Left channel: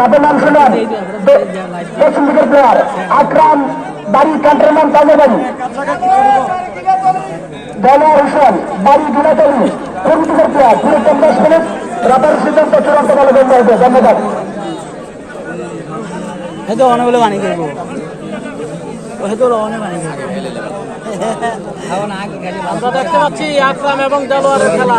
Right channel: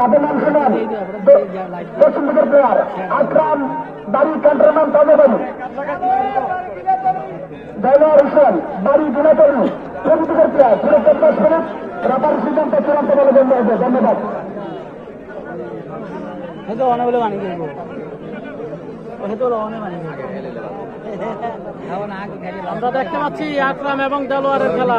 তাদের নাম শুনেন? পশ্চিম দিকের প্লেয়ার আকরাম বাড়ি ক্যান্টনমেন্ট তাজেবাড়ি দলোয়ার হোসেন বাড়ি দুনাতলি পূর্ব দিকের প্লেয়ার পুরো পঞ্চাশ মিনিট রাবার সিদ্ধান্ত চূড়ান্ত বলে গণ্য হবে ধন্যবাদ। হয়তো অনেক বলে বানিয়ে দেবো হয়তো অনেক বানিয়ে দেবো দেখতে পাচ্ছি আকরাম এবং দেলোয়ারের খেলা।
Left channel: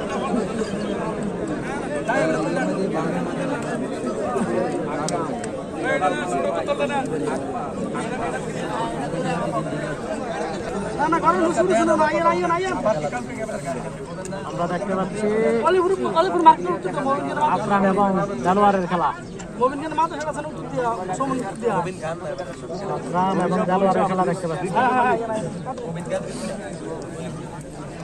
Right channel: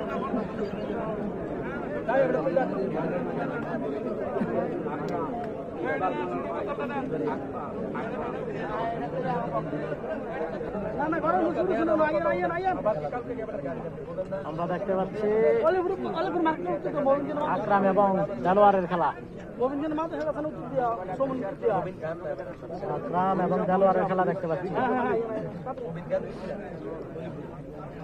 আমরা দেখতে পাচ্ছি। আকরাম এবং দেলোয়ারের খেলা আকরাম এবং দেলোয়ারের খেলা দেখতে পাচ্ছি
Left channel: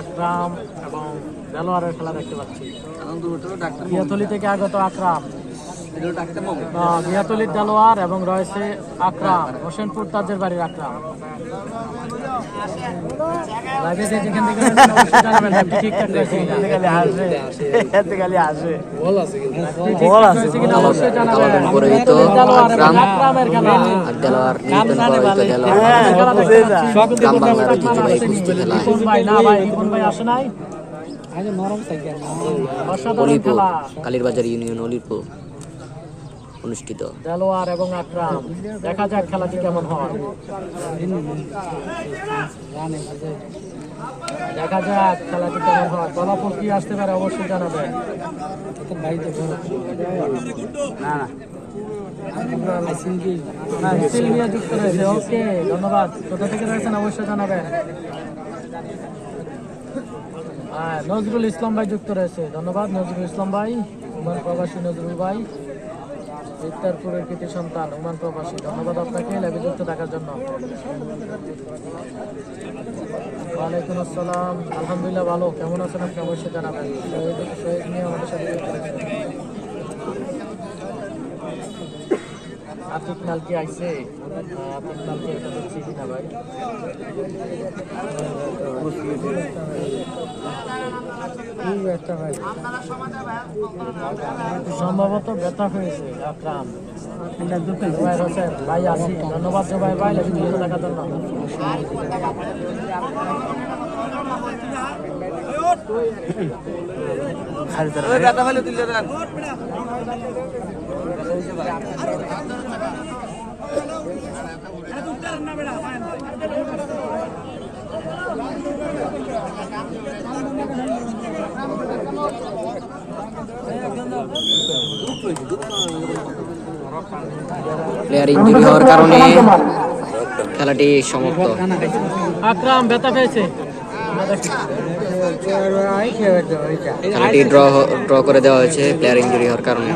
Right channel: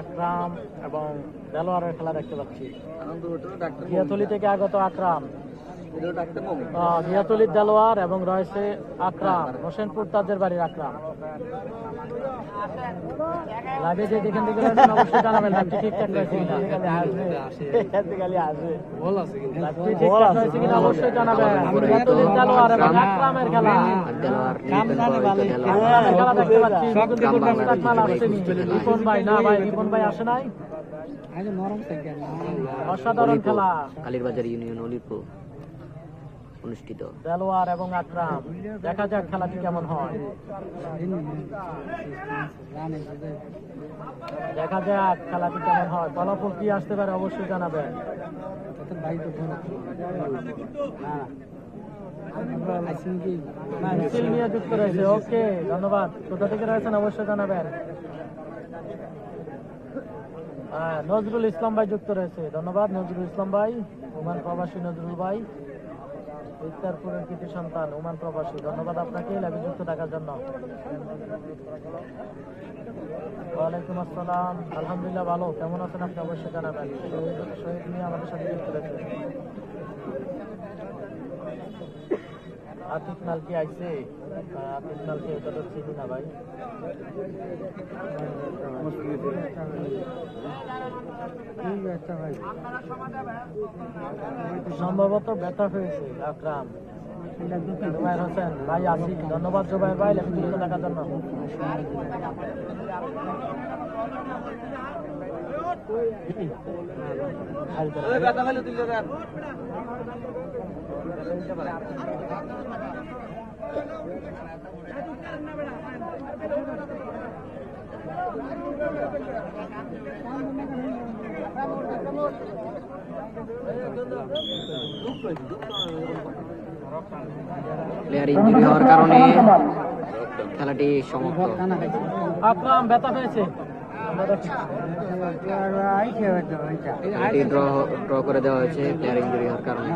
আকরাম এবং দেলোয়ারের খেলা দেখতে পাচ্ছি। গিয়াতলি থেকে আগত আকরাম। গিয়াতলির দেলোয়ার এবং রয়েছে আকরাম। হোসেনপুর তাজের বাড়ির আকরাম। আগে যে যেখান থেকে রয়েছেন অবশ্যই জানাবেন আপনি ঠিকঠাক রয়েছে কিনা। অবশ্যই জানাবেন। কালো প্যান্ট পরিহিত দেলোয়ার এবং আকরাম আর। গ্রাম বাংলার ঐতিহ্যবাহী কুস্তি অলিপুর কালীরবাজার ইউনিয়ন অলিপুর অনুষ্ঠিত। দেলোয়ার এবং আকরাম দেখা যাক খেলাটি কেমন হয়। দেখা যাক খেলাটি কেমন হয়। ফলাফল কি আসতে পারে অবশ্যই না না, যুক্ত রয়েছে ওকে ধন্যবাদ। কোথা থেকে রয়েছেন অবশ্যই জানাবেন। হ্যাঁ, নজরুল ইসলাম ভাই যুক্ত রয়েছে। ধন্যবাদ নজরুল ইসলাম ভাই প্রবাসী নজরুল ভাই। ইফতারপুরের কৃতি সন্তান উমান প্রবাসী। ধন্যবাদ আপনাকে ল্যাবে যুক্ত থাকার জন্য। ওয়ালাইকুম আসসালাম। আলহামদুলিল্লাহ, ভালো। কেমন আছেন আপনি? অবশ্যই জানাবেন। যুক্ত রয়েছে আতিক মাল কি আইছে আতিক মাল কি একটু দেখছি কিনা ভাই সম্ভবত ব্যথা হয়েছে আকরাম ভাই আসি ধন্যবাদ জুবাইর ভাই টাকা জন্য প্লেয়ার ইঞ্জুরি হওয়ার কারণে খেলাটি সমাপ্ত। আকরাম ব্যথা পেয়েছে। খেলাটি ড্র ড্র করে দেওয়া হয়েছে প্লেয়ার ইঞ্জুরি হওয়ার কারণে।